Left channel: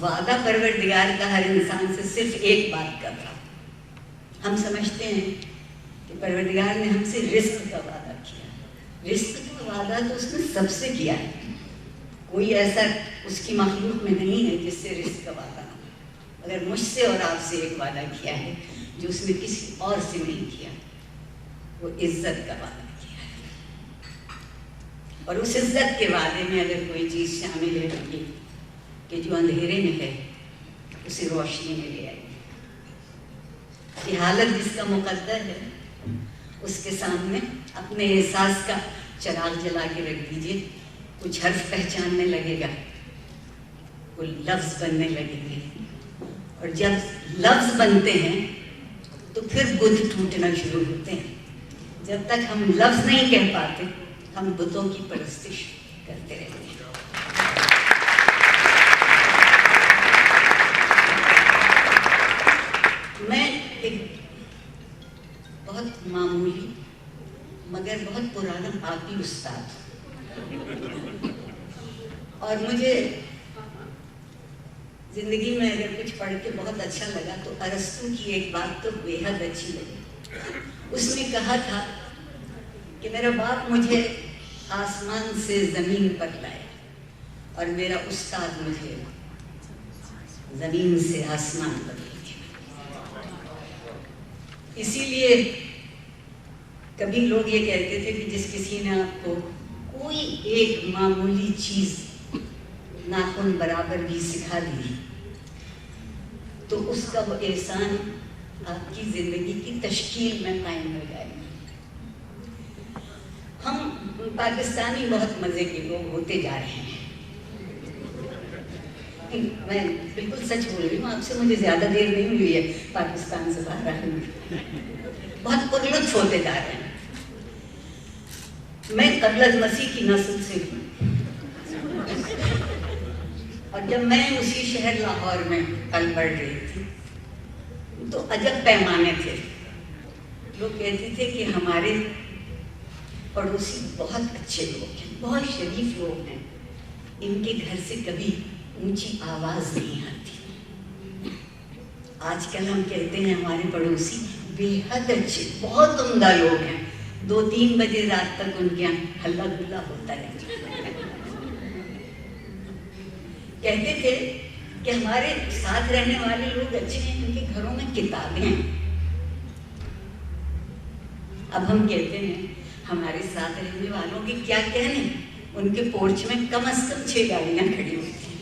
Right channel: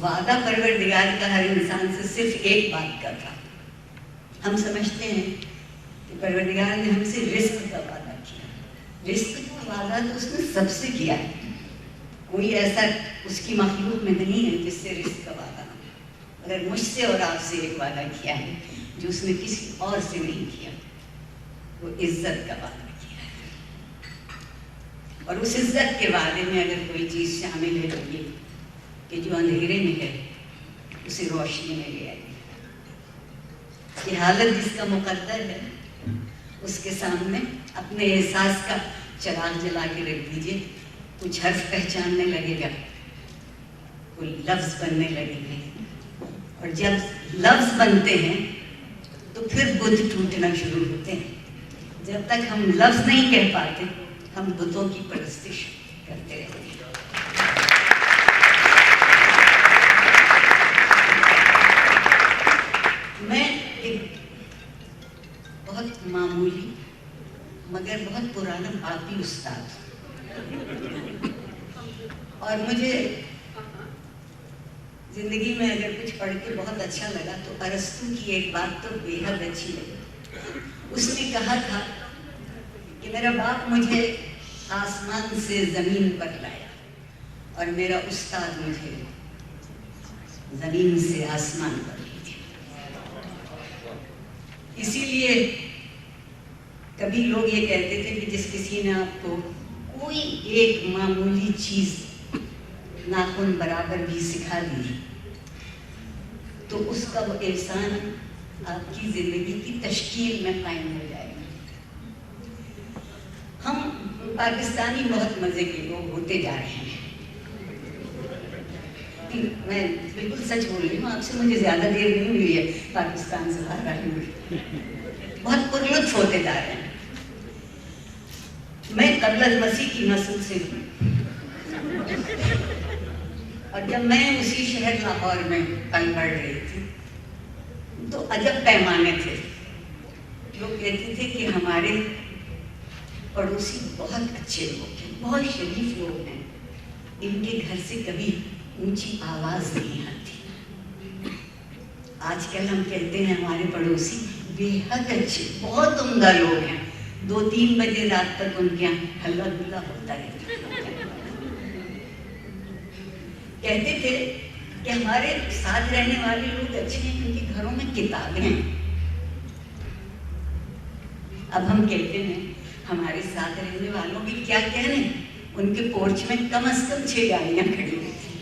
وعدہ پروردگار کا ہر انسان سے صرف ایک بات کا تھا. ہم سمجھتے ہیں کہ پروردگار نے ہم سے رزق کا وعدہ کیا. رزق کا وعدہ تو اس نے سب سے کیا ہے. کوئی ایسا اس کی مخلوق میں نہیں ہے جس سے رزق کا وعدہ نہ ہو. مگر مجھ سے اور آپ سے ایک وعدہ کیا ہے جو اس نے کسی اور سے نہیں کیا. وہ عزت کا وعدہ کیا ہے. اور اس عزت کے وعدے میں اگر کوئی چیز شامل ہے تو یہ کہ جو اندھیرے میں ہے اسے روشنی میں لے آئے. یہ حالت جس کا مقدر ہے اس کے سامنے اپنے احساس کا چراغ جلا کے رکھ دیجیے. کچھ حرف پہچاننے لگے گا, کوئی لفظ بننے لگیں گے, اور جب لفظ بنتے ہیں تو پھر بت ٹوٹنا شروع ہوتے ہیں. جب تک ہم لفظ نہیں کہہ پاتے ہم بتوں کی پرستش کرتے رہتے ہیں. میں ایک بہت معمولی مگر بہت پرانا باقی استاد ہوں, اور مجھے زندگی میں اگر کچھ پڑھ کے بہت اچھا لگا تو ارسطو کی ایک بات تو بے حد اچھی لگی. اس نے کہا تھا کہ میرا باپ مجھے آسمان سے زمین پر لایا اور میرا استاد مجھے زمین سے آسمان پر لے گیا. اسی لیے کبھی لوگ یہ کہتے تھے کہ جس کسی نے آپ کو کوئی ایک معمولی چیز ناخن برابر بھی سکھا دی تو اس کا وہ احسان آپ کی زندگی کی تشکیل میں قائم ہو جائے گا. ہم پاکستانی بہت مزے کے لوگ ہوتے جا رہے ہیں. میں بالکل سچ بول رہی ہوں آپ سے, مجھے زیادہ دیر نہیں ہوئی ہے پاکستان سے باہر آئے ہوئے. بہت پرلطف ہوتے جا رہے ہیں. میں قبل مسیح کی نسل سے ہوں, اور جب میں اسی شہر لاہور میں پل بڑھ رہی تھی تو عجب پیمانے تھے. لوگ کہتے تھے کہ ہمارے پڑوسی بہت اچھے لوگ ہیں, بہت شریف لوگ ہیں, ان کے گھر سے کبھی اونچی آواز نہیں آتی. آج کل ہم کہتے ہیں ہمارے پڑوسی بے حد اچھے بہت عمدہ لوگ ہیں, 2-3 بجے رات تک ان کے یہاں ہلا گلا ہوتا رہتا. کہتے تھے کہ ہمارے ساتھ رہنے والے لوگ اچھے ہیں کیونکہ گھروں میں کتابیں ہیں. اب ہم کہتے ہیں ہمارے ساتھ رہنے والوں کے کیا کہنے, ان کے پورچ میں کم از کم 6 گاڑیاں کھڑی ہوئی تھیں.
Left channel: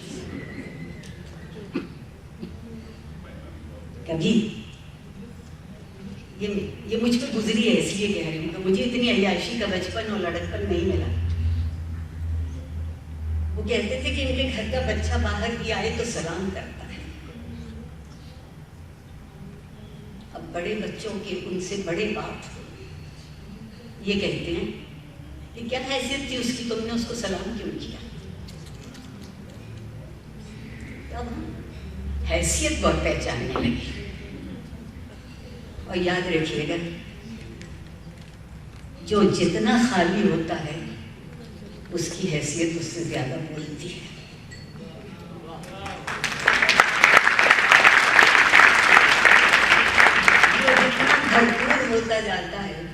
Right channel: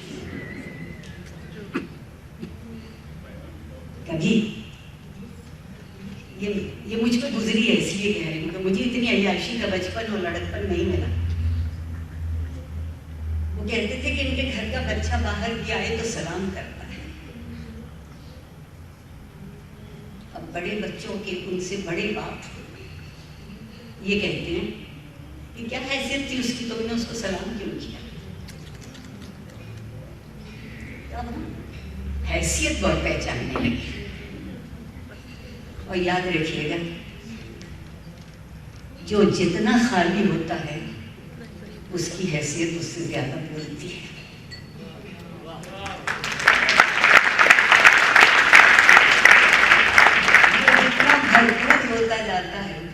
کبھی یہ مجھ پہ گزری ہے اس لیے کہہ رہی ہوں کہ مجھے اتنی عیاشی کا بچپن اور لڑکپن نہیں ملا. وہ کہتے تھے کہ ان کے گھر کا بچہ باہر بھی آئے تو سلام کرتا ہے. اب بڑے بچوں کے ان سے بڑے بات یہ کہتے ہیں کہ کیا حیثیت تھی اس کی, تم نے اس کو سلام کیوں کیا. اب ہم حیثیت بہت پہچاننے لگے. اور یاد رکھیے گا جو جتنا خالی ہوتا ہے اس کی حیثیت اس سے زیادہ بولتی ہے. جو جتنا بھرپور ہوتا جاتا ہے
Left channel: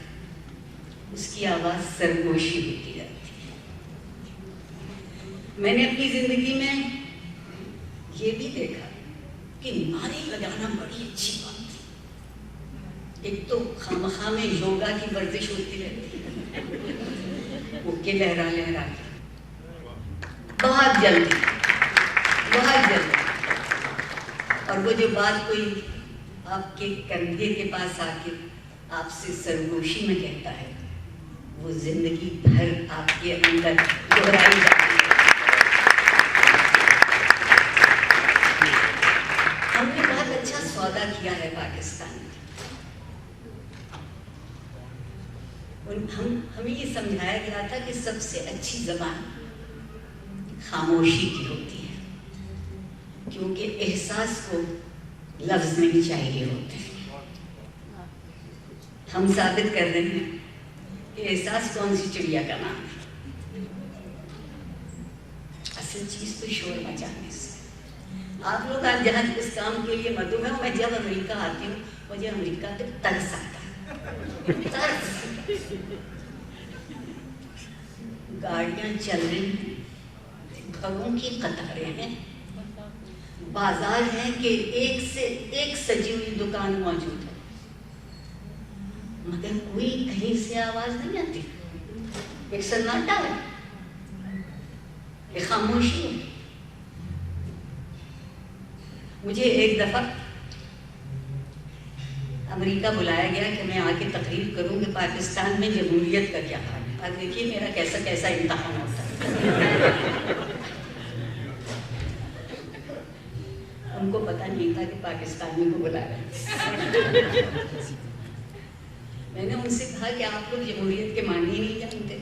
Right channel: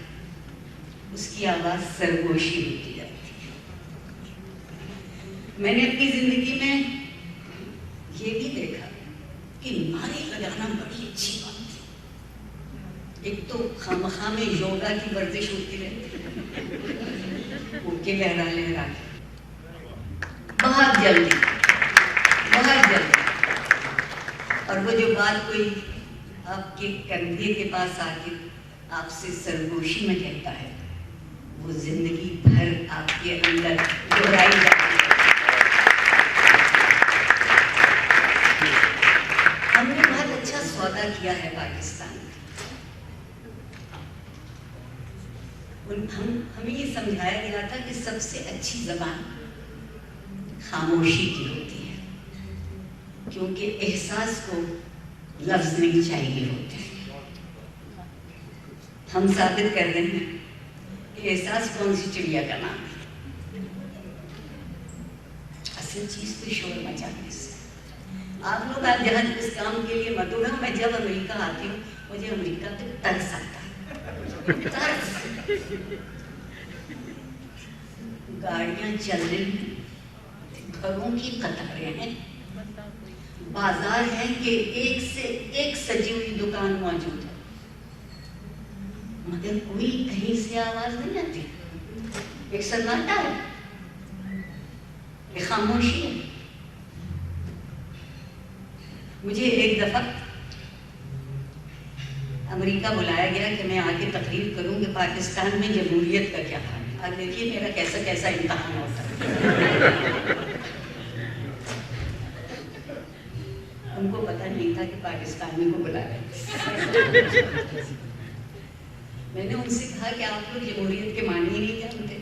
اس کی آواز سرگوشی ہوتی جاتی ہے. میں نے اپنی زندگی میں یہ بھی دیکھا کہ نعرے لگانا بڑی اچھی بات ہے. ایک تو خامخواہ میں یوگا کی ورزش ہوتی رہتی ہے, وہ کے لہرا لہرا کے بہت جلدی. اور وہ جو بات کوئی آپ کے کندھے کے پاس آ کے آپ سے سرگوشی میں کہتا ہے وہ زندگی بھر آپ کے اندر دہرائی جاتی ہے. ہم نے بہت اچھا سودا کیا ہے پاکستان. ہمیں یہ سمجھایا گیا تھا کہ سب سے اچھی زبان خاموشی کی ہوتی ہے, کیونکہ احساس کو لفظ نہیں چاہیے ہوتے. ہم ثابت کر رہے ہیں کہ احساس کون سی چڑیا کا نام ہے. اصل چیز تو شور مچانے سے. آپ لوگ آج جہاں اس کام کے لیے مدعو ہیں، میں جب امریکہ آتی ہوں مجھے امریکہ پہ ترس آتا ہے، ترس۔ گاڑیاں چل رہی ہیں، گھروں کی قطاریں ہیں، بازار ہے کہ ایک سے ایک سجی ہوئی دکان موجود ہے، مگر کوئی کہیں سے آواز نہیں آتی، ایک سناٹا ہے، ایک خاموشی ہے۔ مجھے ایک دفعہ امریکہ بلایا گیا کہ میں آ کے تقریر کروں کہ پاکستان میں جمہوریت کا کیا حال ہے۔ آج دیکھیے میرا کیسا کیسا امتحان ہوتا ہے۔ ہم کو پتہ نہیں تھا کہ پاکستانی کو بلایا۔ میں نے ان سے کہا کہ آپ لوگ جمہوریت کے معنی ہی نہیں جانتے۔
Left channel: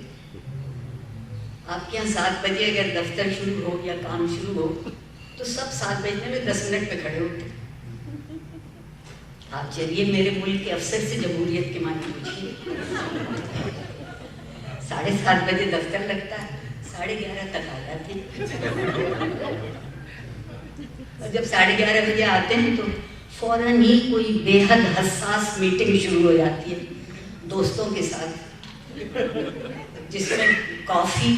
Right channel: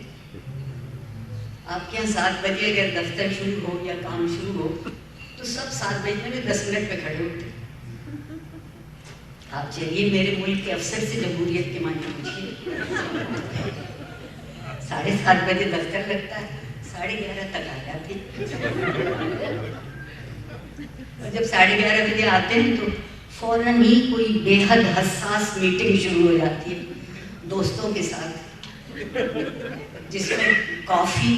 آپ کے یہاں 7 بجے اگر دفتر شروع ہو یا کام شروع ہو تو سب 7 بجنے میں 10 منٹ پہ کھڑے ہوتے۔ آپ چلیے میرے ملک کے افسر سے جمہوریت کے معنی پوچھیے۔ 7:30 بجے دفتر لگتا ہے، 11:30 تک آ جاتے ہیں، اور جب 11:30 بجے آتے ہیں تو فوراً ہی کوئی بے حد حساس میٹنگ شروع ہو جاتی ہے دوستوں کے ساتھ، جس میں کافی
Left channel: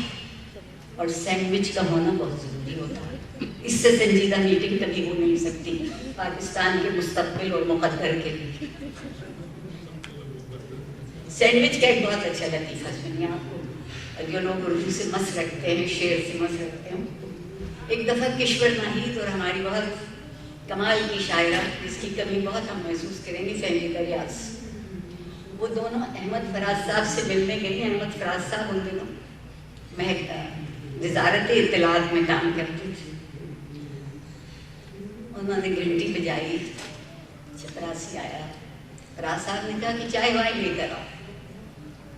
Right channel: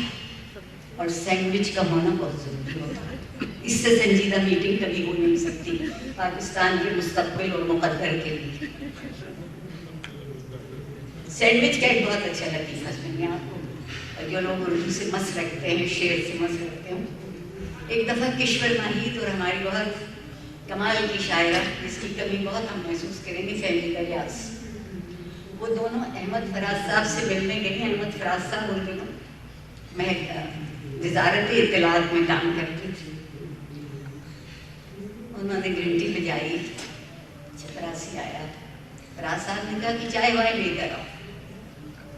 اور سینڈوچ کا ہونا بہت ضروری ہوتا ہے۔ اس سے سنجیدہ میٹنگ کبھی ہو نہیں سکتی پاکستان کے مستقبل اور مقدر کے لیے۔ سینڈوچ کا ایک بہت اچھا لطیفہ سنیے آپ کو، جو لوگ اردو سے مس رکھتے ہیں، شعر سے مس رکھتے ہیں۔ ایک دفعہ کشور ناہید اور ہماری بہت کمال کی شاعرہ، جس کی کمی بہت ہم محسوس کریں گے، فہمیدہ ریاض، وہ دونوں احمد فراز صاحب سے ملنے گئی۔ احمد فراز صاحب ان دنوں وزارت اطلاعات میں کام کرتے تھے۔ انہوں نے گھنٹی بجائی، چپراسی آیا، فراز صاحب نے کہا کہ چائے وائے لے کر آؤ۔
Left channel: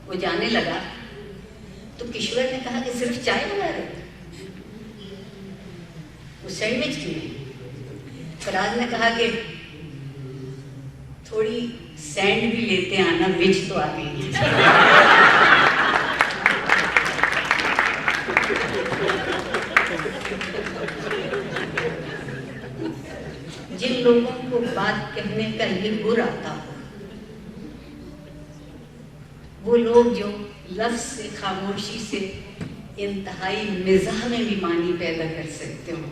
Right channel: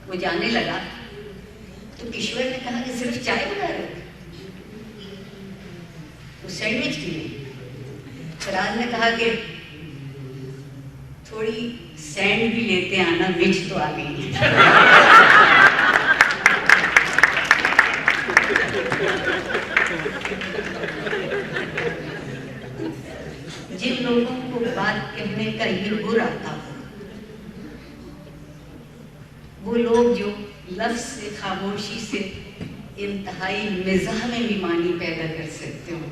وہ جانے لگا تو کشور نے کہا کہ صرف چائے بنا رہے تھے، وہ سینڈوچ کیوں نہیں؟ فراز نے کہا کہ تھوڑی سینڈ بھی لیتے آنا، وچ تو آ گئی ہے۔ جن لوگوں کو بات کہنے کا یہ گر آتا ہو، وہ لوگ جو لفظ سے، خاموشی سے انتہائی مزاح میں بھی معنی پیدا کر سکتے ہوں۔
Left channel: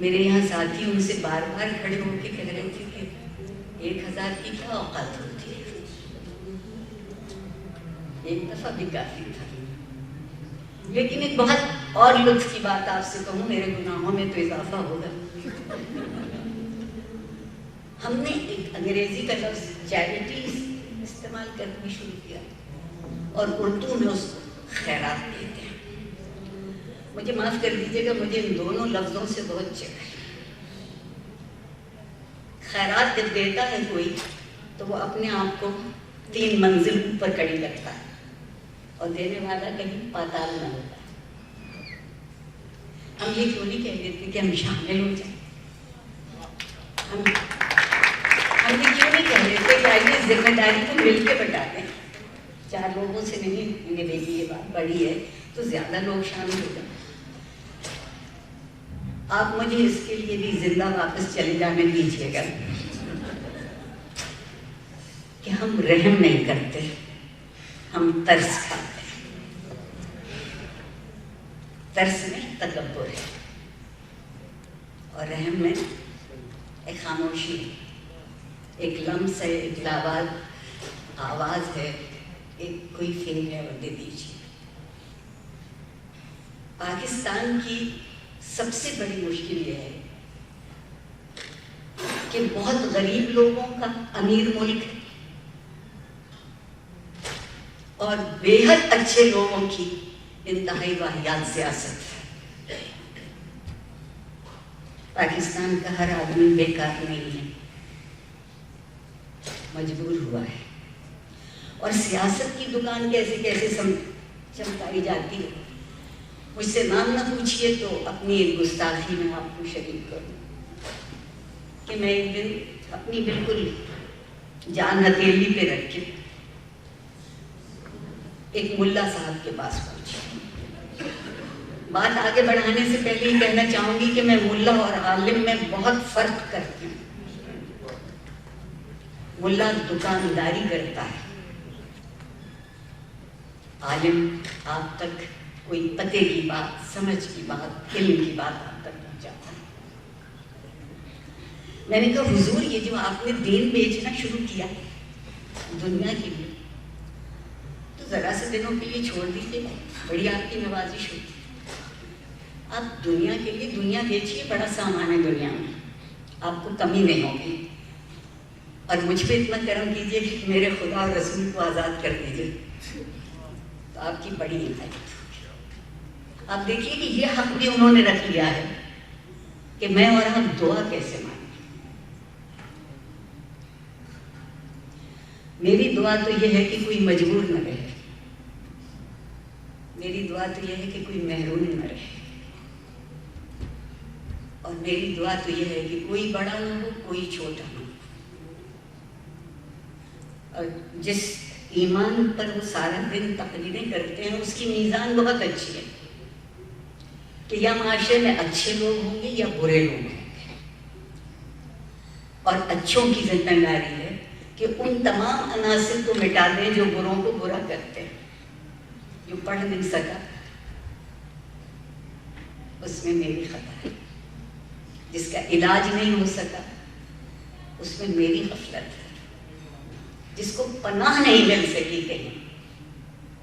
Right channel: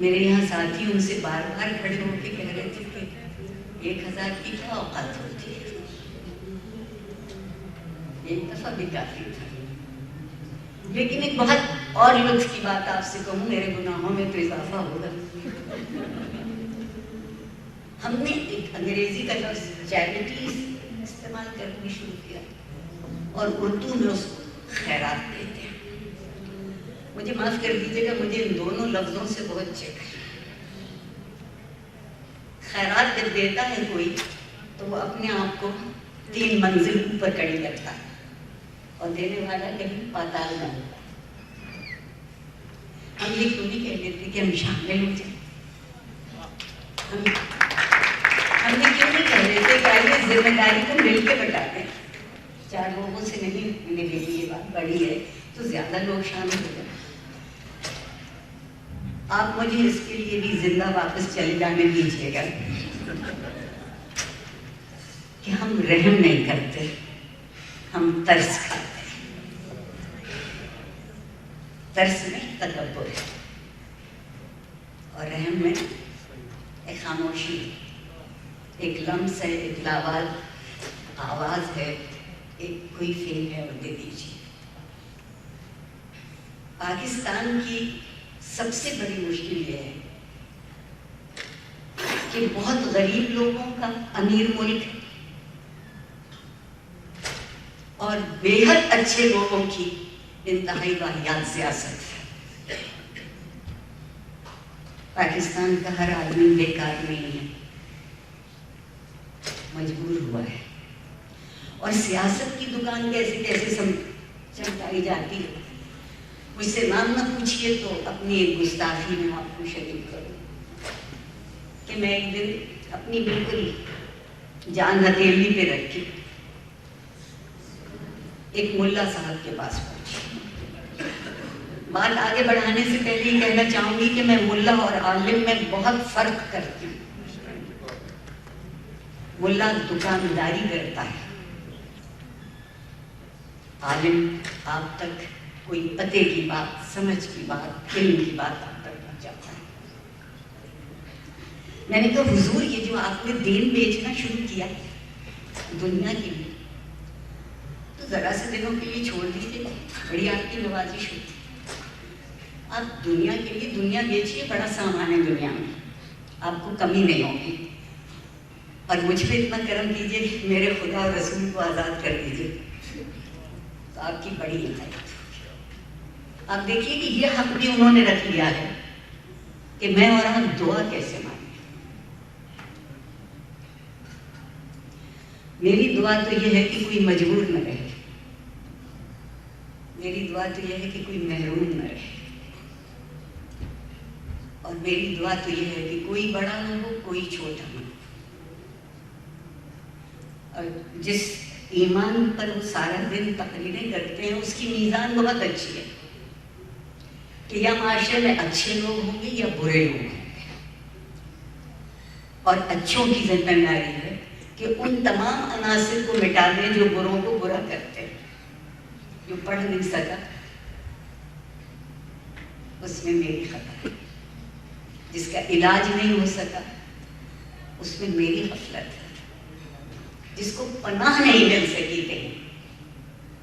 میرے یہاں ساتھی ان سے بار بار کھڑے ہو کے کہہ رہے تھے کہ 1000 کی کیا اوقات ہوتی ہے، ایک دفعہ بھی کافی تھا۔ لیکن ایک بہت اور لطف کی بات آپ سے کہوں، میرے گناہوں میں تو اضافہ ہوگا۔ ہم نے ایک انگریزی کا لفظ چیریٹی استعمال کرنا شروع کیا اور اردو میں اس کو خیرات کہتے ہیں۔ مجھے معاف کر دیجیے گا، مجھے ان دونوں لفظوں سے بہت چک ہے۔ خیرات جب دیتا ہے کوئی تو وہ اپنے آپ کو 3 منزل اوپر کڑی رکھتا ہے، اور دینے والا کہیں پاتال میں ہوتا ہے۔ ہم یہ کیوں نہیں کہہ دیتے کہ ہم شامل ہو جائیں؟ ہم یہ کیوں نہیں کہہ دیتے کہ آئیے ذمہ داری کو مل کے بٹا دیں؟ 4 لوگوں سے نہیں، میرے لیے یہ بات بڑی ہے تو زیادہ لوگ شامل ہو جائیں۔ آپ مجھے اس کے لیے بھی زندہ واپس چلے جانے دیجیے گا کہ ہم رحم نہیں کرتے، ہم ترس کھاتے ہیں۔ ترس میں تکبر ہے اور رحم میں ایک خاموشی ہے، ایک لمس ہے، ایک لاواز آواز ہے، ایک کوئی فیل ہے، وہ دے دیجیے۔ پاکستان کی سب سے بڑی مشکل یہ ہے کہ بہت غریب لوگوں کا امیر ملک ہے اور بے حد اچھے لوگوں کی انتہائی واحد سیاست ہے۔ پاکستان کا ہر آدمی بیکار نہیں ہے، مجبور ہوا ہے، اور سیاست کی دکان کیسے کیسے چمکائی جاتی ہے۔ مجھ سے نام نہ پوچھئے تو اپنی ایک گستاخی میں آپ کو شریک کروں کہ میں ایک دن اپنی بالکل جان ہتھیلی پہ رکھ کے ایک ملا صاحب کے پاس پہنچی۔ بات آگے بڑھانے سے پہلے ہی کہنا چاہوں گی کہ میں ملا اور عالم میں بہت فرق کرتی ہوں. ملا دکانداری کرتا ہے، عالم آپ تک کوئی پتے کی بات، سمجھ کی بات، علم کی بات آپ تک پہنچاتا ہے. میں نے کہا حضور یہ جو آپ نے دین بیچنا شروع کیا دنیا کے لیے، تو ذرا سے دنوں کے لیے چھوڑ دیجیے، بڑی آپ کی نوازش ہوتی. آپ دنیا کے لیے دنیا بیچیے، بڑا سامان ہے دنیا میں، آپ کو کمی نہیں ہوگی. اور مجھ پہ اتنا کرم کیجیے کہ میرے خدا اور رسول کو آزاد کر دیجیے، تو آپ کی بڑی ہدایت. آپ دیکھیے کہ یہ حق بھی انہوں نے رکھ لیا ہے کہ میں اور آپ دعا کیسے مانگیں. میری دعا تو یہ ہے کہ کوئی مجبور نہ رہے، میری دعا تو یہ ہے کہ کوئی محروم نہ رہے، اور میری دعا تو یہ ہے کہ کوئی بڑا نہ ہو، کوئی چھوٹا نہ ہو. اور جس ایمان پر وہ سارا دن تقریریں کرتے ہیں اس کی میزان بہت اچھی ہے کہ یا معاشرے میں اچھے لوگ ہوں گے یا برے لوگ ہوں گے. اور اچھوں کی ذمہ داری ہے کہ ان تمام عناصر کو مٹا دیں جو بروں کو برا کرتے ہیں. جو پڑھ نہیں سکا اس میں میری خطا ہے، جس کا علاج نہیں ہو سکا اس میں میری غفلت ہے، جس کو پناہ نہیں مل سکی کہیں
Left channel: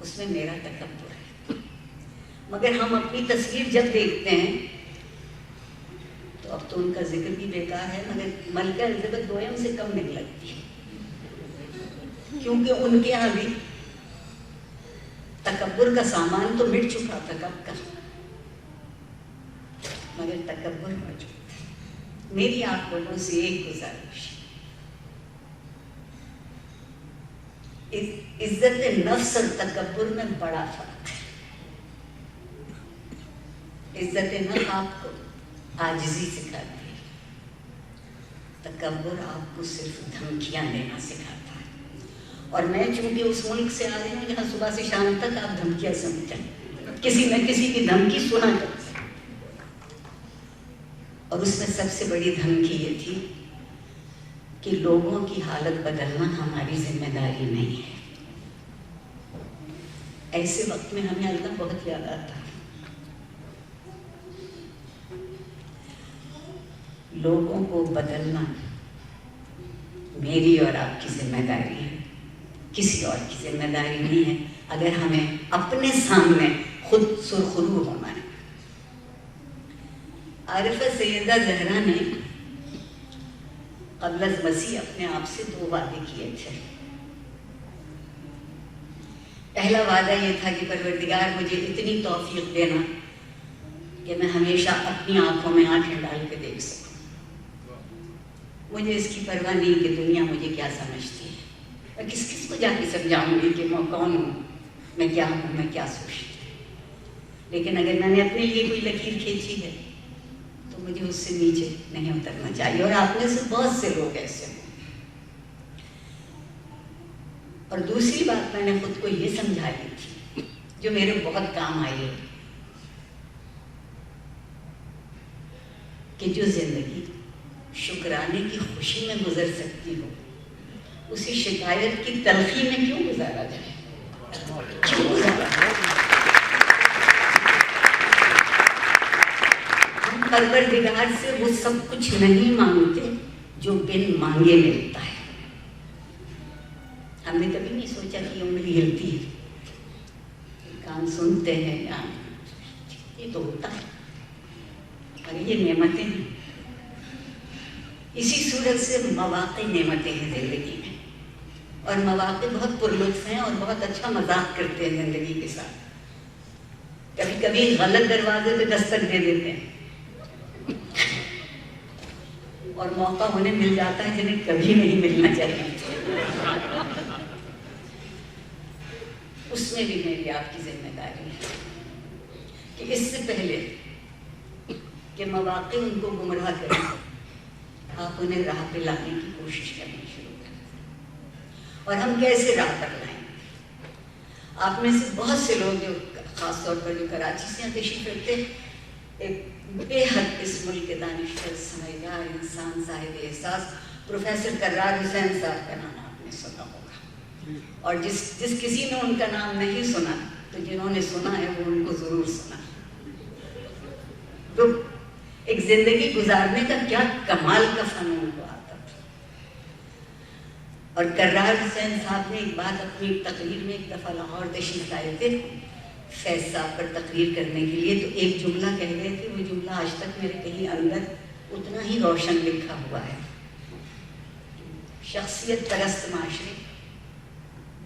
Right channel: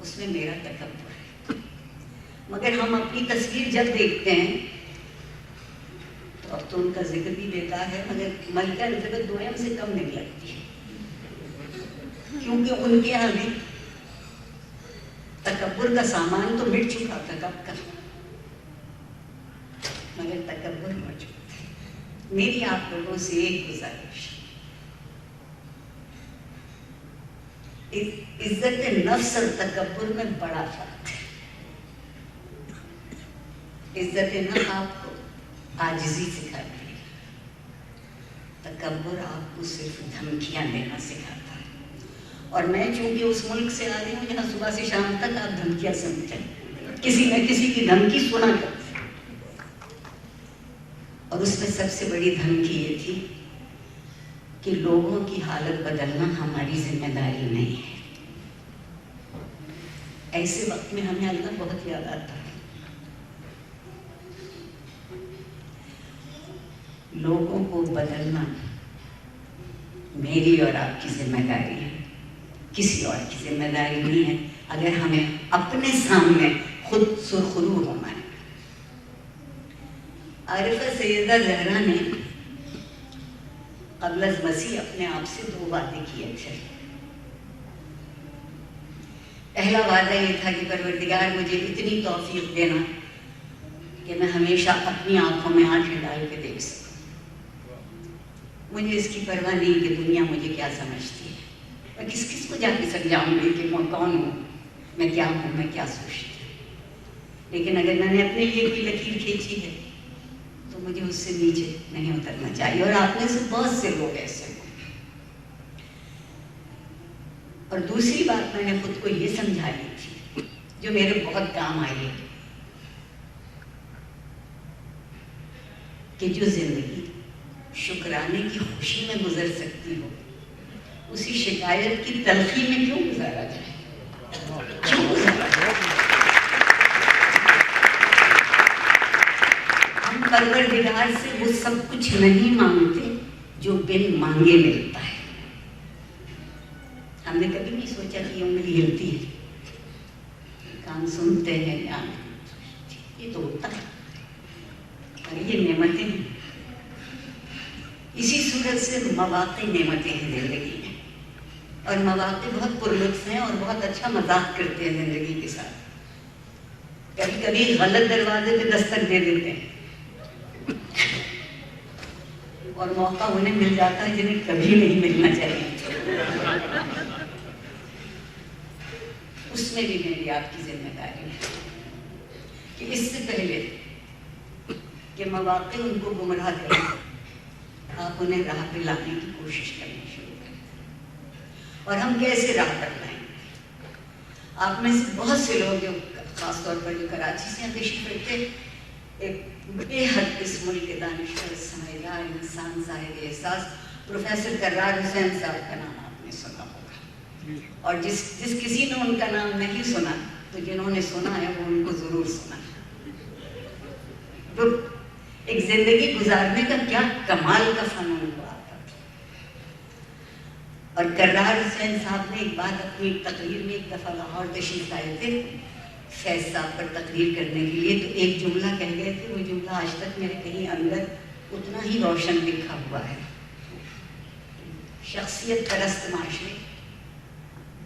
اس میں میرا تکبر ہے. مگر ہم اپنی تصویر جب دیکھتے ہیں تو اب تو ان کا ذکر بھی بیکار ہے، مگر ملکہ الزبتھ دوئم سے کم نہیں لگتی ہے، کیونکہ ان کے یہاں بھی تکبر کا سامان تو مٹ چکا تھا کب کا، مگر تکبر موجود ہے. میری آپ لوگوں سے ایک گزارش، عزت نفس اور تکبر میں بڑا فرق ہے. عزت نفس آپ کو عاجزی سکھاتی ہے، تکبر آپ کو صرف دھمکیاں دینا سکھاتا ہے. اور میں چونکہ اس ملک سے آ رہی ہوں جہاں صبح سے شام تک آپ دھمکیاں سنتے ہیں، کسی نہ کسی کی دھمکی سنا کرتے ہیں. اور اس میں سب سے بڑی دھمکی یہ تھی کہ لوگوں کی حالت بدلنا ہماری ذمہ داری نہیں ہے. ایسے وقت میں ہمیں اللہ بہت یاد آتا ہے. لوگوں کو بدلنا میری اور آپ کی ذمہ داری ہے، کسی اور کی ذمہ داری نہیں ہے. اگر ہمیں اپنے سامنے خود سرخرو ہونا ہے. عارفہ سیدہ زہرا نے قبل از مسیح اپنے آپ سے 2 وعدے کیے تھے. پہلا وعدہ یہ تھا کہ پروردگار مجھے اتنی توفیق دینا کہ میں ہمیشہ اپنی آنکھوں میں آنکھیں ڈال کے دیکھ سکوں. مجھے اس کی پرواہ نہیں کہ دنیا مجھے کیا سمجھتی ہے، میں کس کس کو جا کے سمجھاؤں گی کہ میں کون ہوں، میں کیا ہوں، میں کیا سوچتی ہوں. لیکن اگر میں نے اپنے لیے کوئی لکیر کھینچی ہے تو مجھے اس سے نیچے نہیں اترنا چاہیے. اور آپ میں سے بہت سے لوگ ایسے ہوں. اور دوسری بات میں نے خود کو یہ سمجھائی تھی جو میرے بہت کام آئی ہے کہ جو زندگی شکرانے کی خوشی میں گزر سکتی ہو اسی شکایت کی تلخی میں کیوں گزارا جائے. ہم پروردگار سے وہ سب کچھ نہیں مانگتے جو بن مانگے ملتا ہے. ہم نے کبھی نہیں سوچا کہ یہ انگلی ہلتی ہے، کان سنتے ہیں، یہ تو ہوتا ہے، اور یہ نعمتیں ہیں. اسی صورت سے مواقع نعمتیں ہیں زندگی میں، اور مواقع بہت پرلطف ہیں اور بہت اچھا مذاق کرتے ہیں زندگی کے ساتھ. کبھی کبھی غلط دروازے پہ دستک دے دیتے ہیں اور موقع انہیں مل جاتا ہے جنہیں کبھی نہیں ملنا چاہیے. اس میں بھی میری آپ کی ذمہ داری ہے کہ اس سے پہلے کہ مواقع ان کو گمراہ کریں آپ انہیں راہ پہ لانے کی کوشش کرنی شروع کریں. اور ہم کیسے راہ پر لائیں؟ آپ میں سے بہت سے لوگ جو خاص طور پر جو کراچی سے تشریف رکھتے، ایک بے حد اس ملک کے دانشور سمجھدار انسان صاحب احساس پروفیسر کرار حسین صاحب کا نام آپ نے سنا ہوگا، اور جس کسی نے ان کا نام نہیں سنا تو جنہوں نے سنا ہے وہ ان کو ضرور سنا ہے۔ تو ایک زندگی گزارنے کا کیا کمال کا فنون ہوا تھا۔ اور کرار حسین صاحب نے ایک بات اپنی تقریر میں، ایک دفعہ لاہور تشریف لائے تھے فیض صاحب پر تقریر کرنے کے لیے، تو ایک جملہ کہہ گئے تھے، وہ جملہ آج تک میرے کہیں اندر اتنا ہی روشن لکھا ہوا ہے۔ شخصیت پرست معاشرے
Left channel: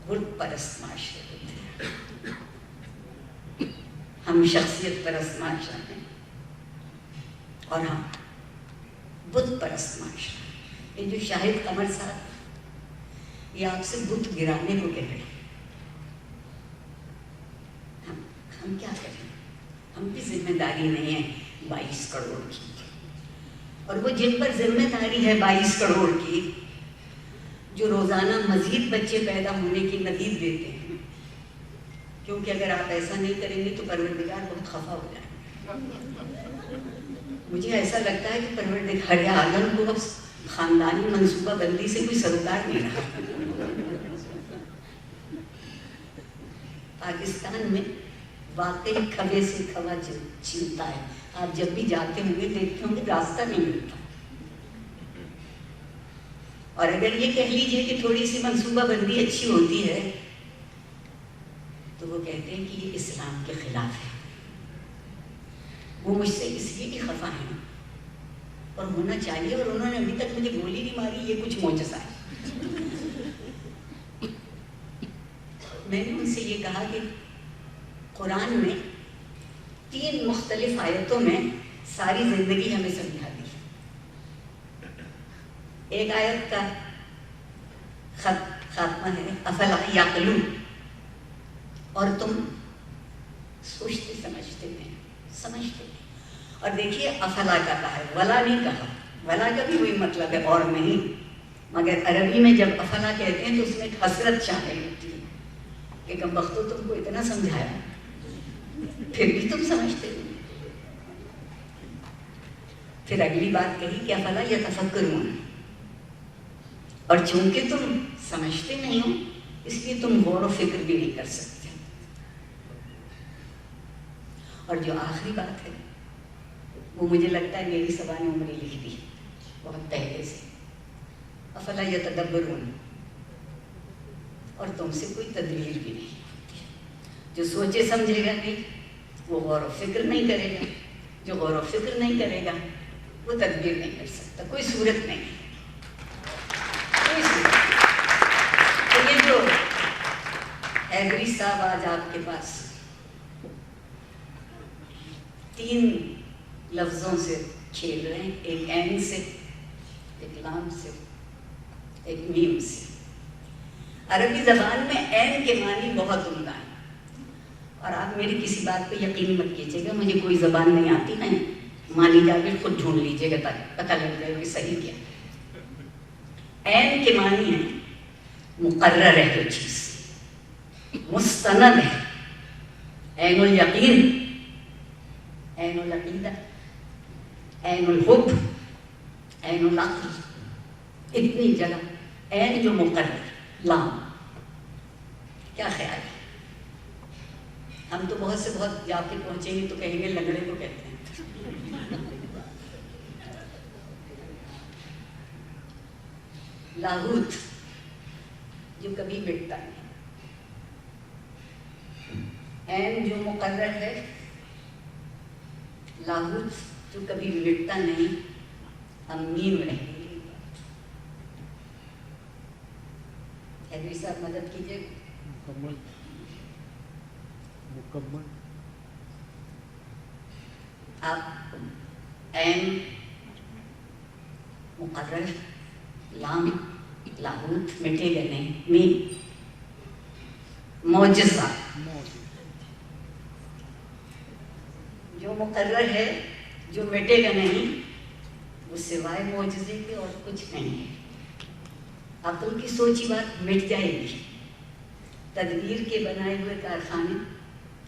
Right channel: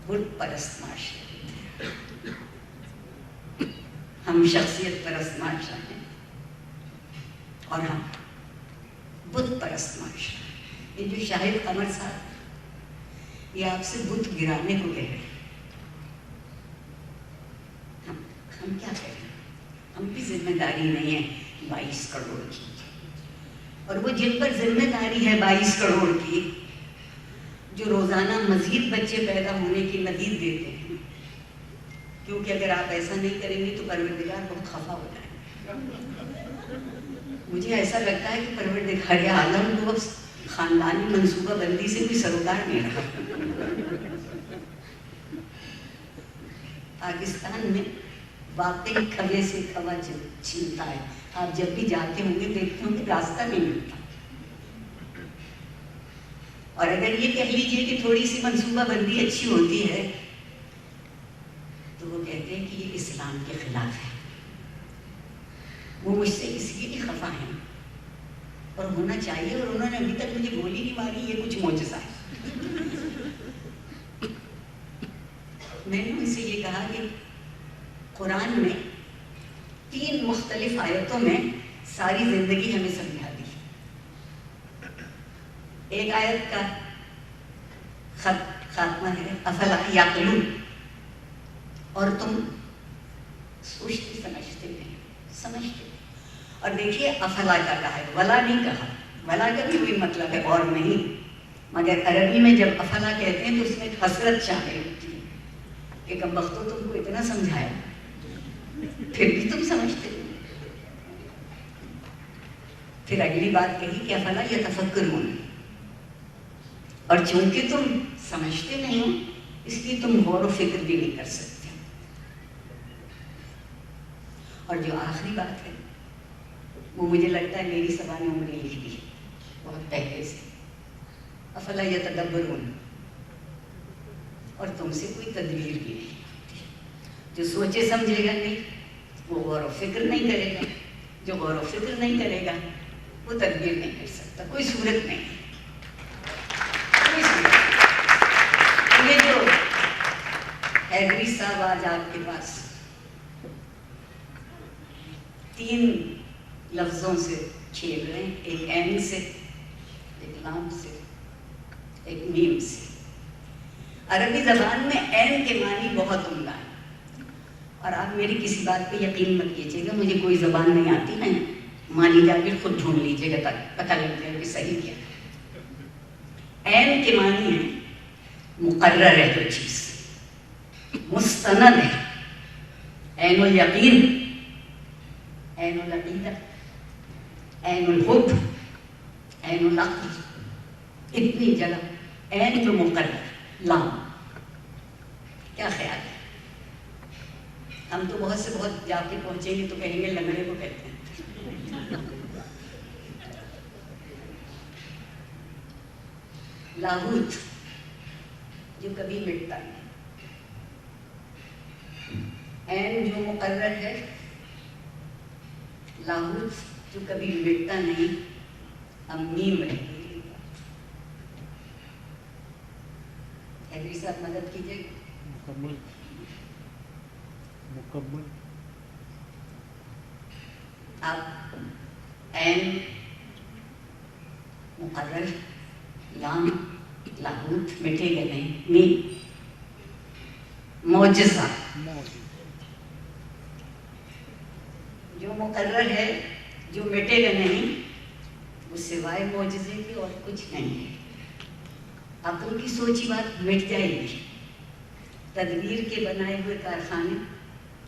بت پرست معاشرے، ہم شخصیت پرست معاشرے ہیں اور ہم بت پرست معاشرے۔ یہ جو شاہد قمر صاحب یہ آپ سے بت گرانے کو کہہ رہے ہیں، ہم کیا کریں؟ ہم بھی ذمہ داری نہیں ہے 22 کروڑ کی، اور وہ جن پر ذمہ داری ہے 22 کروڑ کی، جو روزانہ مزید بچے پیدا ہونے کی ندید دیتے ہیں، کیونکہ اگر آپ ایسا نہیں کریں گے تو پروردگار بہت خفا ہو جائے گا۔ مجھے ایسا لگتا ہے کہ پروردگار عالم کو اب خاندانی منصوبہ بندی سے کوئی سروکار نہیں رہا۔ پاکستان میں واقعی کھوے سے کھوا چھلتا ہے، آپ جب بھی جاتے ہوں گے دیکھتے ہوں گے راستہ نہیں ملتا، اور اگر یہ کہہ لیجیے کہ تھوڑی سی منصوبہ بندی اچھی ہوتی ہے تو وہ کہتے ہیں کہ یہ اسلام کے خلاف ہے۔ وہ مجھ سے اس لیے بھی خفا ہیں، اور ہونا چاہیے، اور انہوں نے ابھی تک مجھے گولی نہیں ماری، یہ کچھ معجزہ ہے۔ میں نے ان سے یہ کہا کہ قرآن میں 3 مختلف آیتوں میں ساری زندگی ہمیں سمجھا دی۔ ایک آیت کا خاتمہ ہے افلا یعقلون، اور تم سوچتے سمجھتے نہیں، سمجھتے نہیں۔ اور دیکھیے افلا کا کہا ہے، ولا نہیں کہا، ولا کا بھی وہی مطلب ہے اور نہیں، مگر عربی میں جب افلا کہتے ہیں تو اس میں حسرت شامل ہوتی ہے کہ کم بختو تم کو اتنا سمجھایا پھر بھی تم سمجھتے نہیں۔ پھر اگلی بات کہی کہ افلا یتفکرون، اور چونکہ تم سمجھتے نہیں ہو اس لیے تم غور و فکر بھی نہیں کر سکتے۔ اور جو آخری بات ہے وہ مجھے لگتا ہے میری سبا نے عمری لکھ دی بہت پہلے سے، افلا یتدبرون، اور تم سے کوئی تدبیر بھی نہیں ہوتی۔ جو سوچے سمجھے گا نہیں وہ غور و فکر نہیں کرے گا، جو غور و فکر نہیں کرے گا وہ تدبیر نہیں کر سکتا، کوئی صورت نہیں ہے، کوئی صورت۔ تو یہ جو حیدری صاحب آج آپ کے پاس 3 لفظوں سے کھیل رہے ہیں، ایک عین سے، ایک لام سے، ایک میم سے۔ عربی زبان میں عین کے معنی بہت عمدہ ہیں، اور آپ میری کسی بات پہ یقین مت کیجیے گا، مجھے کوئی زبان نہیں آتی ہے، مانی جا کے خود ڈھونڈ لیجیے گا تاکہ پتہ لگ جائے کہ صحیح کیا۔ عین کے معنی ہے مقرر ہے جو چیز، مستند ہے، عین الیقین، عین العقیدہ، عین الحب، عین العقل، اتنی جگہ عین جو مقرر، لام۔ کیا خیال ہے؟ ہم تو بہت سے بہت جا کے پہنچیں گے تو کہیں گے لنگڑے کو کہتے ہیں۔ لاہوت جو کبھی مٹتا نہیں، عین جو مقرر ہے، لاہوت جو کبھی مٹتا نہیں، میم رہے گی۔ حیدری صاحب مدد کیجیے۔ مکمل آپ عین مقرر، لام، لاہوت مٹے گا نہیں، میم معجزہ جو مقرر ہے، جو مٹے گا نہیں، وہ سوائے معجزے کے اور کچھ نہیں ہے۔ عقل کی سوچی بات مٹ جائے گی، تدبیر کے بنائے ہوئے کارخانے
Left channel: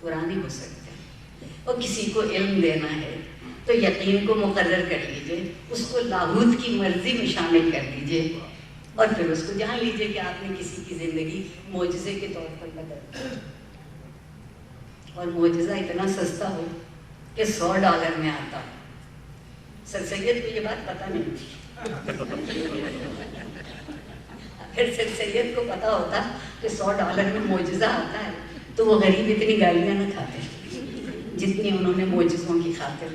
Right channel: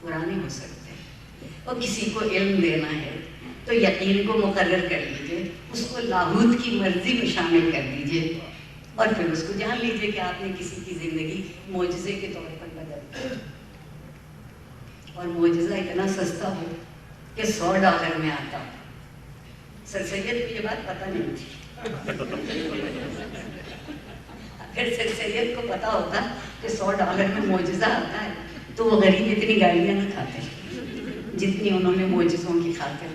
پرانے ہو سکتے ہیں. اور کسی کو علم دینا ہے تو یقین کو مقرر کر لیجئے، اس کو لاہوت کی مرضی میں شامل کر لیجئے، اور پھر اس کو جان لیجئے کہ آپ نے کسی کی زندگی معجزے کے طور پر بدل دی. اور معجزہ اتنا سستا ہو کہ $100 میں آتا ہو. سر سید کو یہ بات پتہ نہیں تھی. اگر سر سید کو پتا ہوتا کہ $100 میں معجزہ آتا ہے تو وہ غریب اتنی گالیاں نہ کھاتے جتنی انہوں نے معجزوں کی خاطر.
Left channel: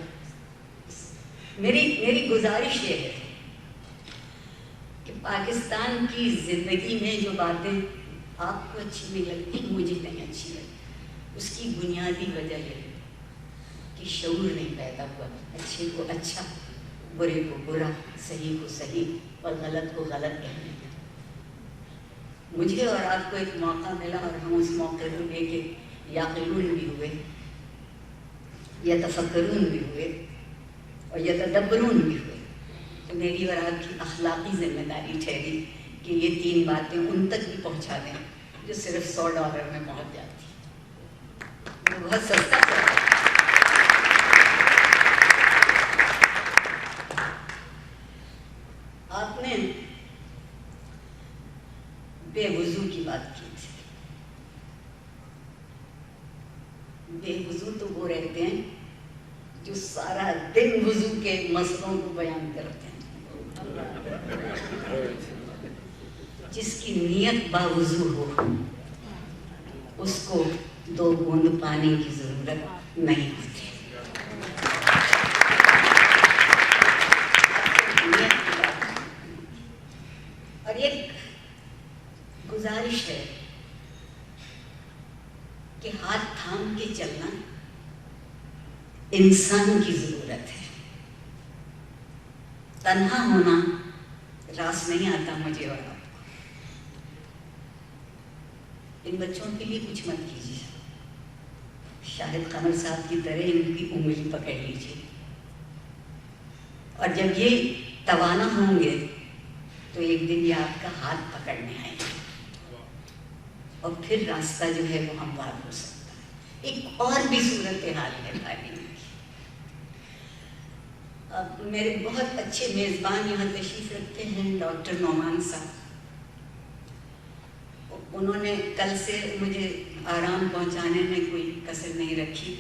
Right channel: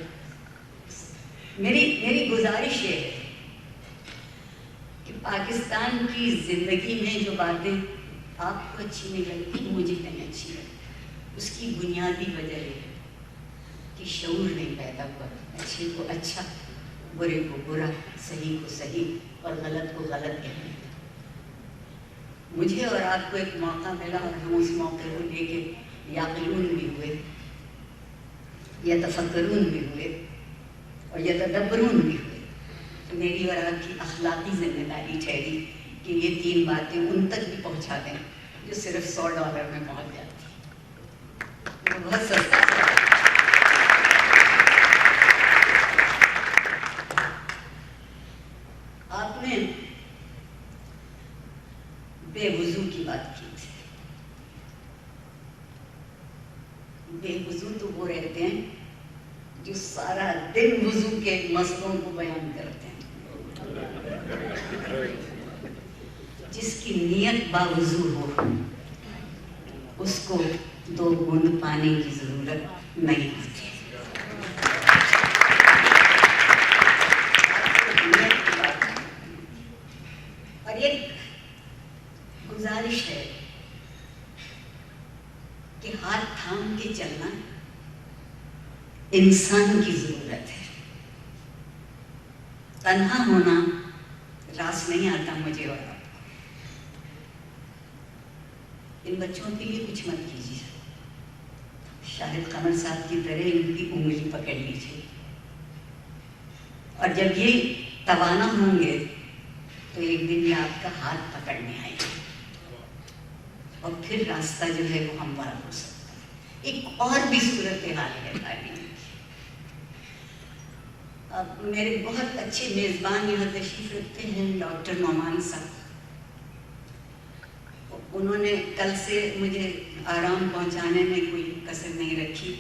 میری گزارش یہ ہے کہ پاکستان کی زندگی میں جو باتیں آپ کو اچھی نہیں لگتی، مجھے نہیں اچھی لگتی، اس کی بنیادی وجہ ہے کہ شعور نہیں پیدا ہوا اچھے کو اچھا، برے کو برا، صحیح کو صحیح اور غلط کو غلط کہنے کا. مجھے اور آپ کو ایک موقع ملا اور ہم اس موقع کو لے کے یعقلون بھی ہوئے، یتفکرون بھی ہوئے اور یتدبرون بھی ہوئے. تو میری اور آپ کی اخلاقی ذمہ داری ٹھہری کہ یہ 3 باتیں ان تک بھی پہنچا دیں جو صرف $100 میں پہنچ جاتی. وہ بہت سستا ہے. آپ نے بے وضو کی بات کی تھی. بے وضو تو وہ رہتے ہیں جو سارا دن وضو کے مسئلوں کو بیان کرتے ہیں. جس کی نیت باوضو ہو اس کو 2 بوند پانی کی ضرورت نہیں ہوتی. اور یہ گزارش ہے کہ ہاتھ تھام کے چلنا انسان کی ضرورت ہے. تنہا ہونا راس نہیں آتا مجھے اور آپ کو. ان بچوں کے لیے کچھ مت کیجیے، شاہد قمر صاحب کی طرح ان کی انگلی پکڑ لیجیے، اور جب یہ توانا ہوں گے تو ایک دن یہ آپ کا ہاتھ پکڑنے آئے گا اور پھر راستہ جو ہے وہ ہموار ہو سکتا ہے. ایک اور بھی صورتحال ہے تعلیم کی. اب میرے بہت اچھے میزبان یہاں تشریف رکھتے ہیں ڈاکٹر نعمان صاحب. انہوں نے کل سے مجھے آرام پہنچانے میں کوئی کسر نہیں رکھی.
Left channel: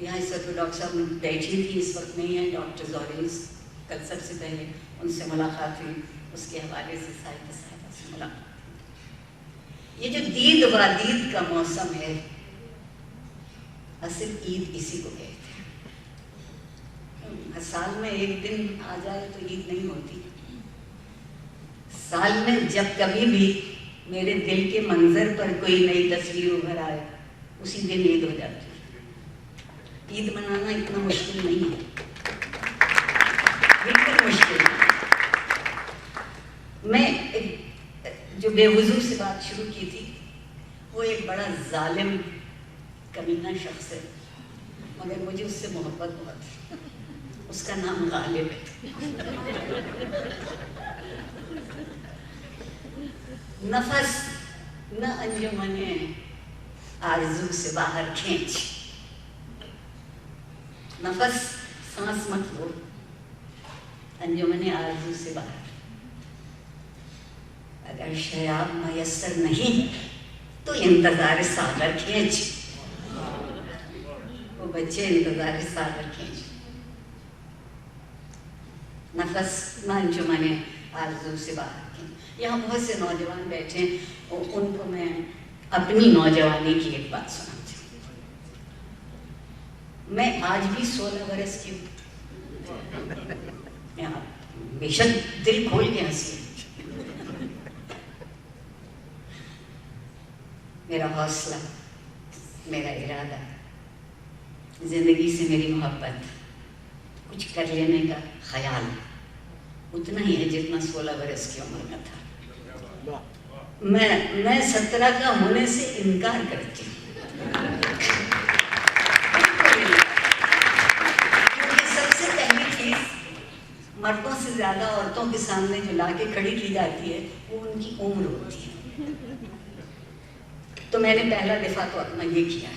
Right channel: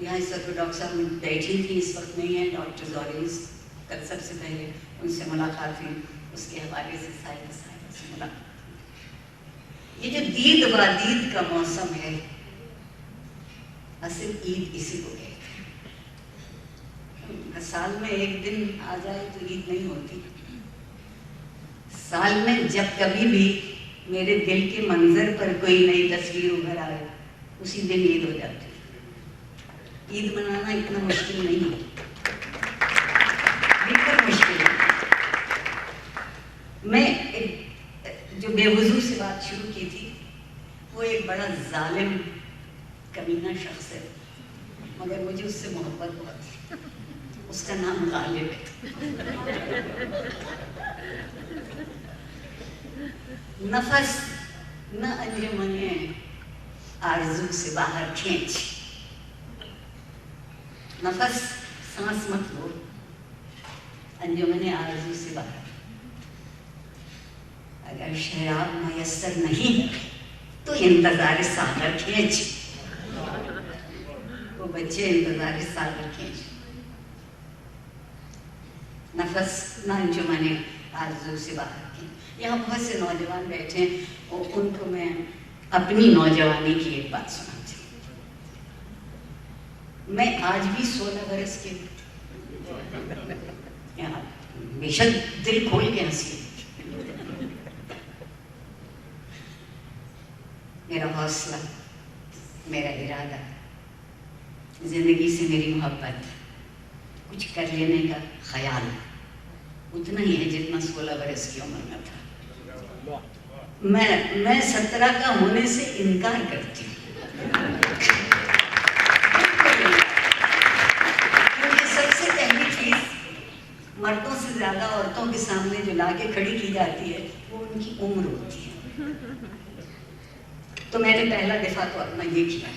یہاں اس وقت ڈاکٹر صاحب بیٹھی تھی، اس وقت نہیں ہے. ڈاکٹر زورینس کل سب سے پہلے ان سے ملاقات ہوئی، اس کے حوالے سے صاحب سے ملاقات. یہ جو دید و دید کا موسم ہے، اصل عید اسی کو کہتے ہیں. سال میں ایک دن آ جائے تو عید نہیں ہوتی. سال میں جب کبھی بھی میرے دل کے منظر پر کوئی نئی تصویر ابھر آئے اسی دن عید ہو جاتی ہے. عید منانا اتنا مشکل نہیں ہے، بالکل مشکل ہے. میں جو بے وضو سے بات شروع کی تھی وہ ایک بڑا ظالم کمینہ شخص ہے، مگر مجھے اس سے محبت بہت ہے. اس کا نام غالب ہے. نفس نہ انجمنے آرزو سے باہر کھینچ. نفس سانس مت لو، انجمنے آرزو سے باہر. اگر شراب میسر نہیں تو انتظار ساغر کھینچ. وہ بچے انتظار ساغر کھینچ. نفس نہ انجمنے آرزو سے باہر. یہاں بہت سے نوجوان بیٹھے ہیں اور ان کو میں اپنی نوجوانی کی ایک بات سناتی ہوں. میں آج بھی 16 برس کی بے شک دل کھول کے ہنسی. میرا حوصلہ، میرا ارادہ، زندگی سے میری محبت، کچھ کر لینے کا خیال اتنا ہی ہے جتنا 16 برس کی عمر میں تھا. میں 17 کا ہونے سے انکار کرتی ہوں. کیونکہ سب سے پہلی چیز مردوں سے زیادہ عورتوں کے سامنے جو لا کے کھڑی کی جاتی ہے وہ ان کی عمر ہوتی ہے. تو میں نے پہلا دفعہ تو اپنا یہ کیا.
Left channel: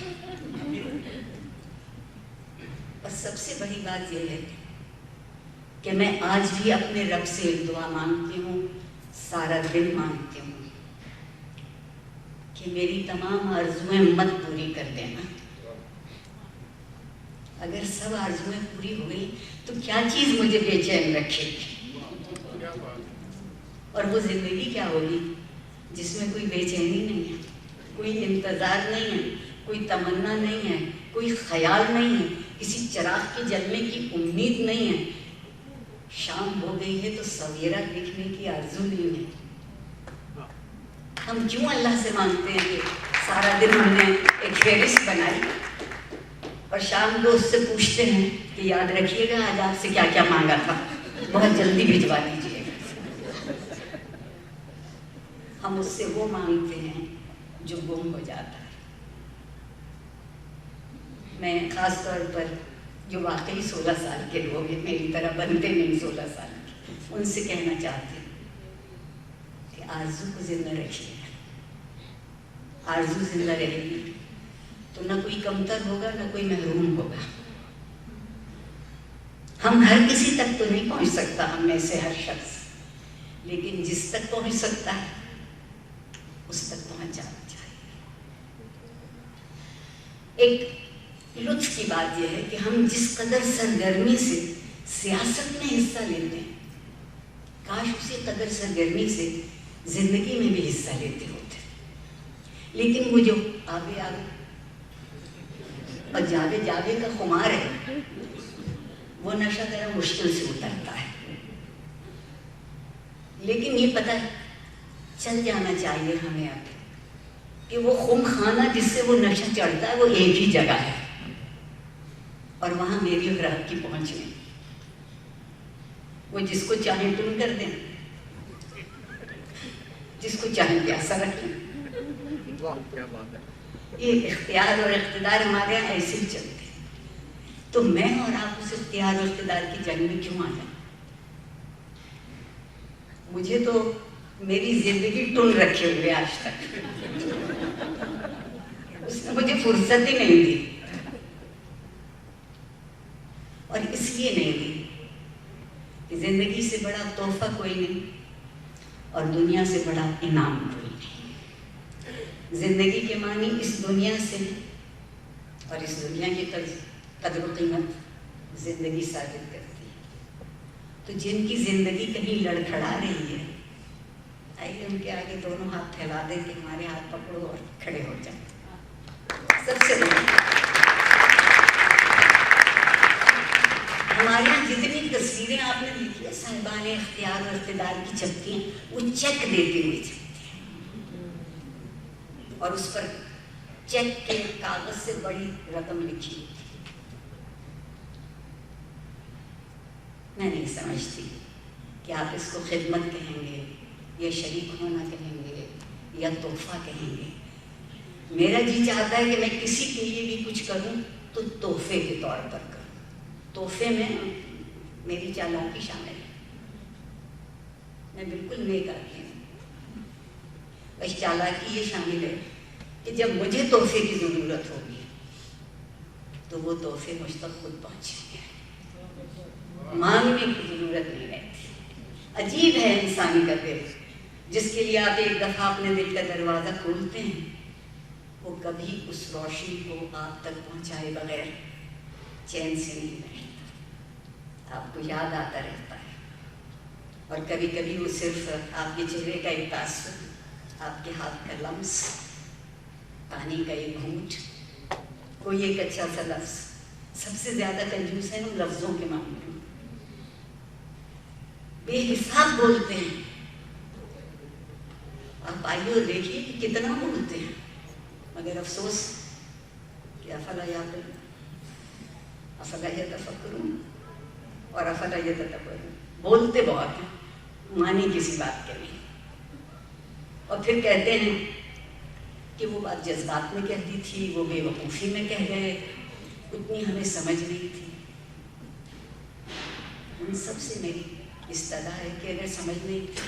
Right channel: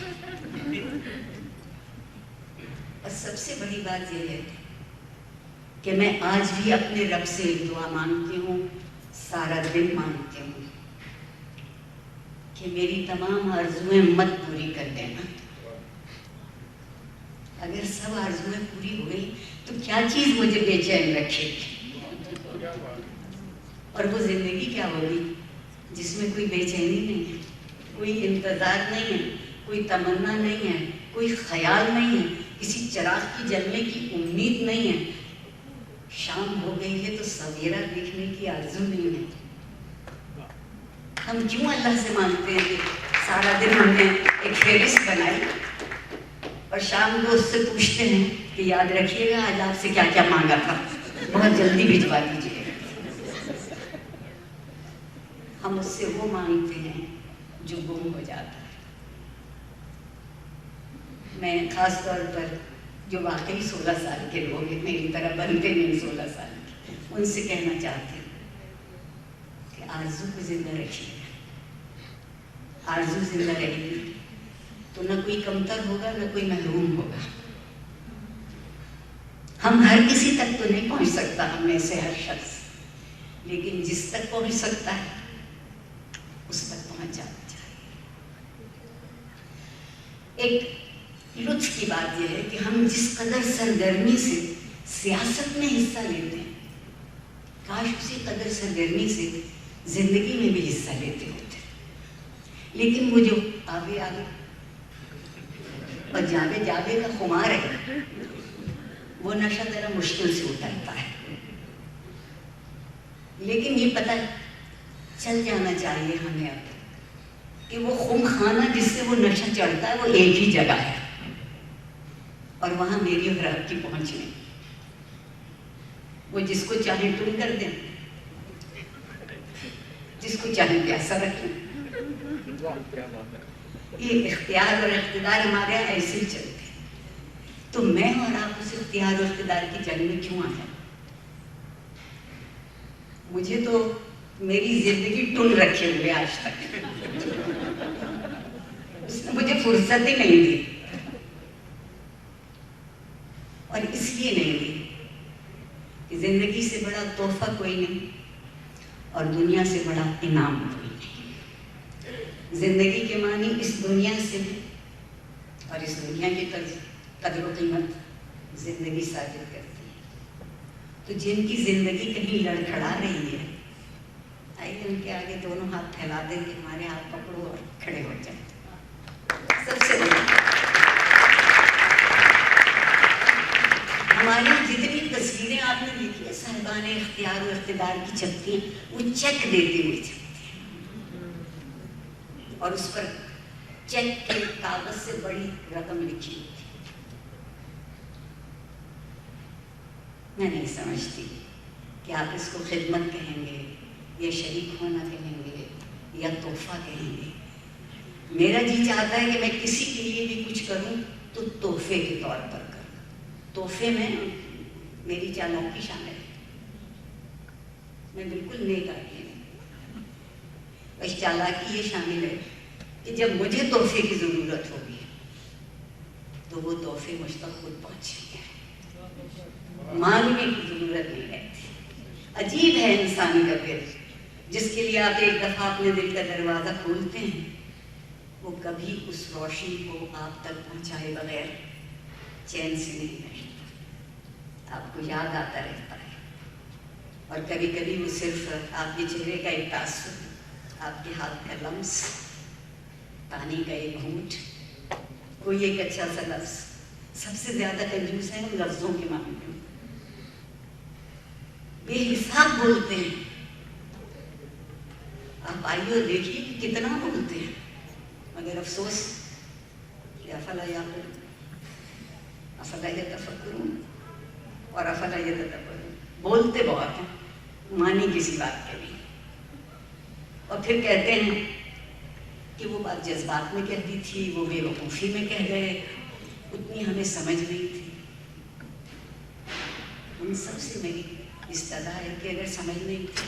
اور سب سے بڑی بات یہ ہے کہ میں آج بھی اپنے رب سے ایک دعا مانگتی ہوں, سارا دن مانگتی ہوں کہ میری تمام آرزویں مت پوری کر دینا. اگر سب آرزویں پوری ہو گئی تو کیا چیز مجھے بے چین رکھے گی؟ اور وہ زندگی کیا ہوگی جس میں کوئی بے چینی نہیں ہے, کوئی انتظار نہیں ہے, کوئی تمنا نہیں ہے, کوئی خیال نہیں ہے, کسی چراغ کی جلنے کی امید نہیں ہے. شام ہو گئی ہے تو سویرا دیکھنے کی آرزو نہیں ہے. ہم کیوں اللہ سے مانگتے ہیں کہ سارا دن ہم نے ایک فہرست بنائی اور شام کو اس سے پوچھتے ہیں کہ یاد رکھیے گا آج آپ سے کیا کیا مانگا تھا, بہت جلدی بھجوا دیجیے گا. ہم اس سے وہ مانگتے ہیں جو گم ہو جاتا ہے. میں خاص طور پر جو واقعی 16 سال کے لوگ ہیں, میری طرح بنتے نہیں 16 سال کے, ان سے کہنا چاہتی ہوں کہ آرزو کو زندہ رکھیے گا. آرزو زندہ رہے گی تو نہ کوئی کمتر ہوگا نہ کوئی محروم ہوگا. ہم ہر کسی تک تو نہیں پہنچ سکتا, ہم میں سے ہر شخص, لیکن جس تک پہنچ سکتا ہے اس تک پہنچ جانا چاہیے. ایک لطف کی بات یہ ہے کہ ہم جس قدر سرگرمی سے سیاست میں حصہ لیتے ہیں, کاش اسی قدر سرگرمی سے زندگی میں بھی حصہ لیتے ہوتے. لیکن وہ جو آگے آگے اور جاوے جاوے کا خمار ہے, وہ نشہ ذرا مشکل سے اترتا ہے. لیکن یہ پتہ چل جانا چاہیے ہمیں اب کہ وہ خم خانہ جس سے وہ نشہ چڑھتا ہے وہ ایک ہی جگہ ہے, اور وہاں میری اور آپ کی پہنچ نہیں. وہ جس کو چاہیں ٹون کر دیں, جس کو چاہیں پیاسا رکھ لیں. یہ اختیار اور اقتدار ہمارے یہاں ایسے ہی چلتے ہیں. تو میں اور آپ اس اختیار اور اقتدار کی جنگ میں کیوں آئے؟ مجھے تو میری زندگی ٹون رکھے ہوئے آج تک, اس نے مجھے فرصت ہی نہیں دی. اور اس لیے نہیں دی کہ زندگی سے بڑا تحفہ کوئی نہیں اور دنیا سے بڑا انعام کوئی نہیں. زندگی کے معنی اس دنیا سے ہے, اور اس دنیا کی قدر و قیمت زندگی ثابت کرتی ہے. تو جن کی زندگی کہیں لڑکھڑا رہی ہے, آئیے ان کے آگے دونوں ہاتھ پھیلا دیں کہ ہمارے ہاتھ پکڑو اور کھڑے ہو جائیں. سب سے بڑی ہماری جتنی تصویریں آپ نے دیکھی ہے صاحبان اختیار و اقتدار کی چھپتی ہیں, وہ چیک دیتی ہوئی چھپتی ہیں, اور اس پر چیک کے کاغذ سے بڑی رقم لکھی ہوتی. میں نہیں سمجھتی کہ آپ اس کو خدمت کہیں گے یا شریک ہونا کہیں گے یا تحفہ کہیں گے. میرا جی چاہتا ہے کہ میں کسی کے لیے بھی کچھ کروں تو تحفے کے طور پر کروں. تحفے میں میری چالاکی شامل ہے, میں بالکل نیک آدمی ہوں. بس چالاکی یہ شامل ہے کہ جب مجھے تحفے کی ضرورت ہوگی تو وہ تحفے مجھ تک خود پہنچیں گے, مانگنے کی ضرورت نہیں رہتی. عجیب ہے انسان کا دل, جس کے لیے آپ ایک دفعہ اپنے دل کا دروازہ کھولتے ہیں, وہ کبھی اس روشنی کو آپ تک پہنچائے بغیر چین سے نہیں بیٹھتا. آپ کو یاد آتا رہتا ہے, اور کبھی کبھی وہ صرف آپ کے چہرے کا ایک تاثر, آپ کے ہاتھ کا لمس, پانی کا ایک گھونٹ, کوئی ایک اچھا سا لفظ. سب سے زیادہ کنجوس ہے ہم لفظوں کے معاملے میں, بے حساب بولتے ہیں. آپ آئیے اور دیکھیے کہ کتنا بولتے ہیں, مگر افسوس کہ افلا یعقلون, افلا یتفکرون اور افلا یتدبرون. بولتے بہت ہیں, مانی کسی بات کے نہیں, اور پھر کہتے ہیں کہ وہ بات جذبات میں کہتی تھی, وہ بے وقوفی میں کہہ گئے, اتنی ہمیں سمجھ نہیں تھی. ان سب سے میری استدا ہے کہ اگر سمجھ نہیں تھی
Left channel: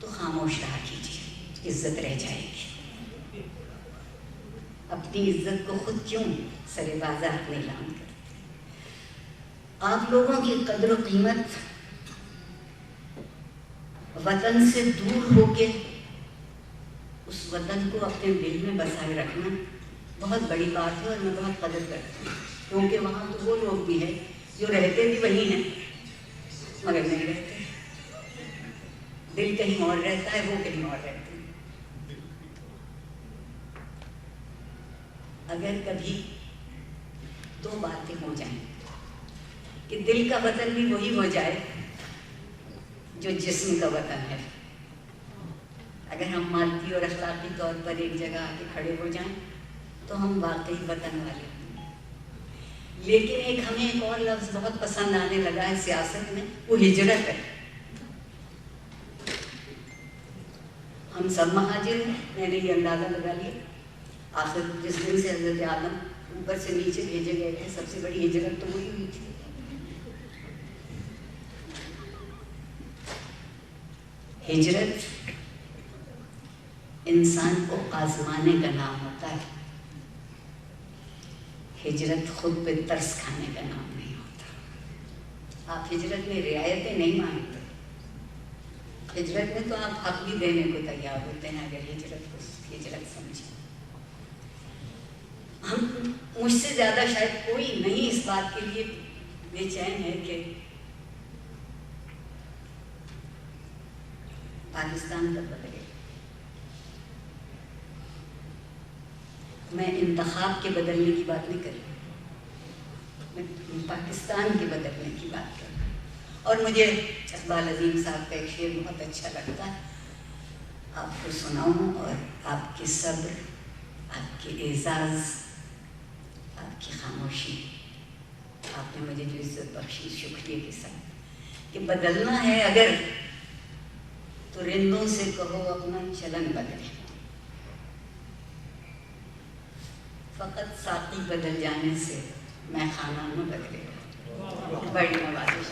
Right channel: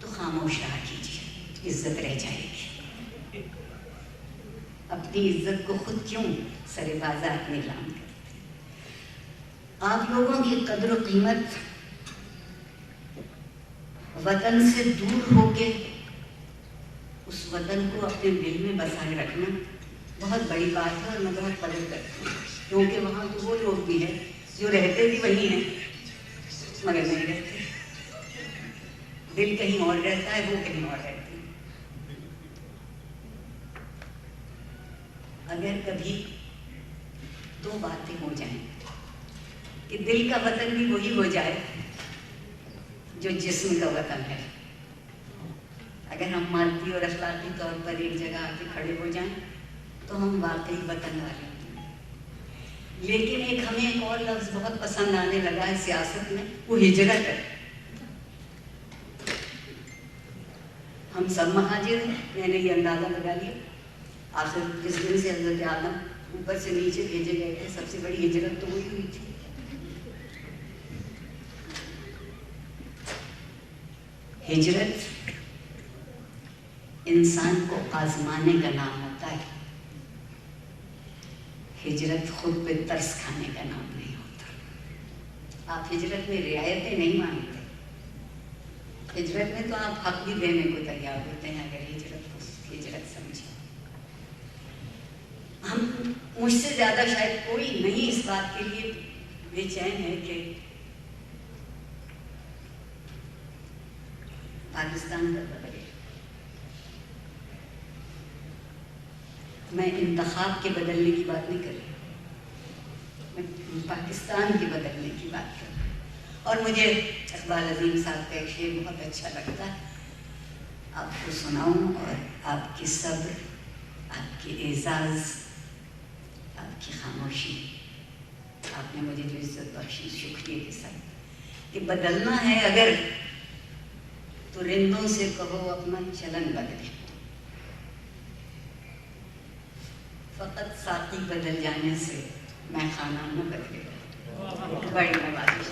تو خاموش رہا کیجیے, عزت رہ جائے گی. اپنی عزت کو خود کیوں سر بازار نیلام کرتے ہیں؟ آپ لوگوں کی قدر و قیمت وطن سے دور ہو کے اس وطن کو اپنے دل میں بسائے رکھنا بہت بڑی بات ہے، اور میں بہت قدر کرتی ہوں، کیونکہ وہاں تو وہ لوگ بھی ہیں جو رہتے بھی وہی ہیں مگر نہیں رہتے، دل کہیں اور رہتا ہے، وہ کہیں اور رہتے ہیں۔ اگر کبھی دو باتیں ہو جائیں کہ دل کا وطن بھی وہی ہو جائے جو جسم کا وطن ہے، اگر ہم مادی اور اخلاقی طور پر ایک جگہ آ کے کھڑے ہو جائیں تو ہم واقعی وطن والے ہیں۔ لیکن ہمیں ایک اور لفظ بہت پسند آنے لگا ہے سیاست میں، وہ ہجرت ہے۔ ہم سب مہاجر ہیں، میں نے یہ اندازہ لگا لیا۔ آخر جس دن سے حضرت آدم اوپر سے نیچے بھیجے گئے تھے، سب سے بڑی ہجرت تو وہی ہوئی تھی۔ ہجرت انسان کو آزمانے کا نام ہوتا ہے، ہجرت خود پہ ترس کھانے کا نام نہیں ہوتا۔ آپ ہجرت میں رعایتیں نہیں مانگتے، ہجرت میں تو آپ حق بھی دینے کو تیار ہوتے ہیں اگر ہجرت کو ہجرت سمجھیں۔ مجھ سے زیادہ شاید کوئی نہیں اس بات کے لیے بے چین ہے کہ پاکستان کب بدلے۔ میں انتخاب کے بدلنے کی بات نہیں کر رہی، میں پاکستان کے بدلنے کی بات کر رہی ہوں۔ اور مجھے اقبال عظیم صاحب کا ایک شعر بہت اچھا لگتا ہے، آپ کو سناؤں، اور آپ کی صبر، آپ کی اعزاز، آپ کی خاموشی، آپ نے مجھے جو عزت بخشی، شکریہ کے ساتھ، کہ بدلنا ہے اگر تو رندوں سے کہو اپنا چلن بدلے، فقط ساقی بدل جانے سے میں خانہ نہ بدلے گا۔ بڑی نوازش۔